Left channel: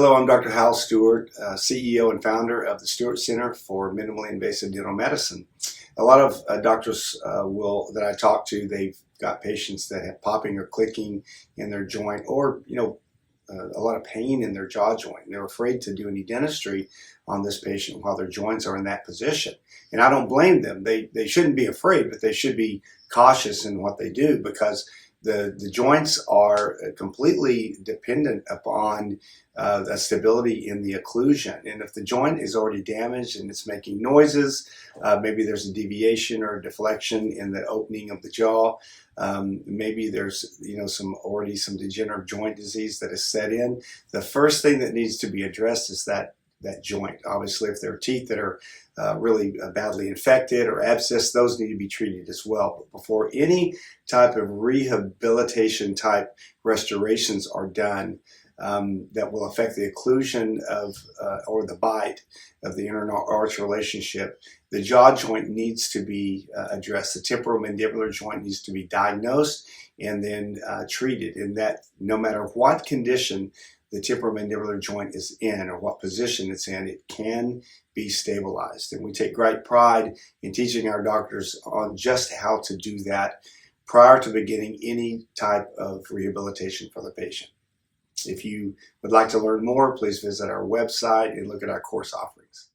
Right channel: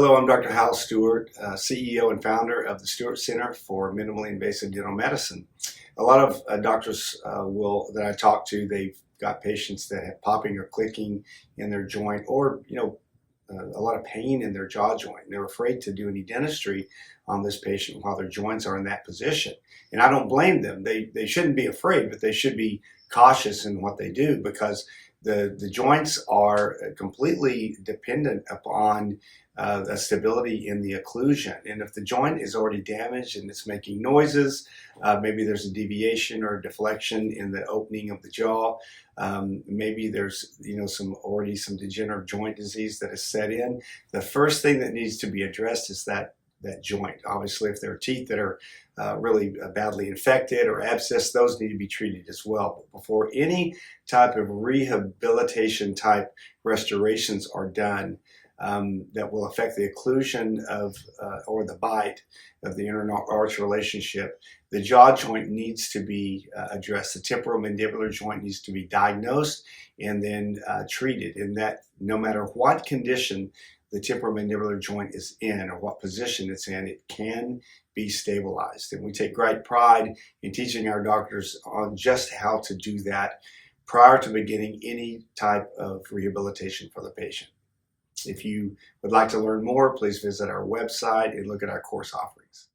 Hello, I'm Dr. Hal Stewart, CEO and founder of the Stewart Center for Minimally Invasive Dental Medicine. A lot of doctors that I talk to, they've got patients that have popping or clicking in their joint, or a lot of pain in their jaw joint. They're afraid to do any dentistry on this patient while their joints are in that position. And I don't blame them. They shouldn't be afraid, but they should be cautious in what they do, because the joints are completely dependent upon the stability in the occlusion. And if the joint is already damaged and it's making noises, maybe there's a deviation or deflection in the opening of the jaw, maybe there's some degenerative joint disease that is set in. The first thing that needs to be addressed is that joint. Obviously, if there are teeth that are really badly infected or abscessed, those need to be treated as well. But before any type of rehabilitation type restorations are done that will affect the occlusion of or the bite of the inter-arch relationship, the jaw joint needs to be addressed. The temporomandibular joint needs to be diagnosed and then treated, and that no matter what condition the temporomandibular joint is in or what position it's in, it can be stabilized. And we take great pride in teaching our doctors on just how to do that prior to beginning any type of rehabilitation for the patient. If you would like to learn more, please visit our website and look at our course offerings.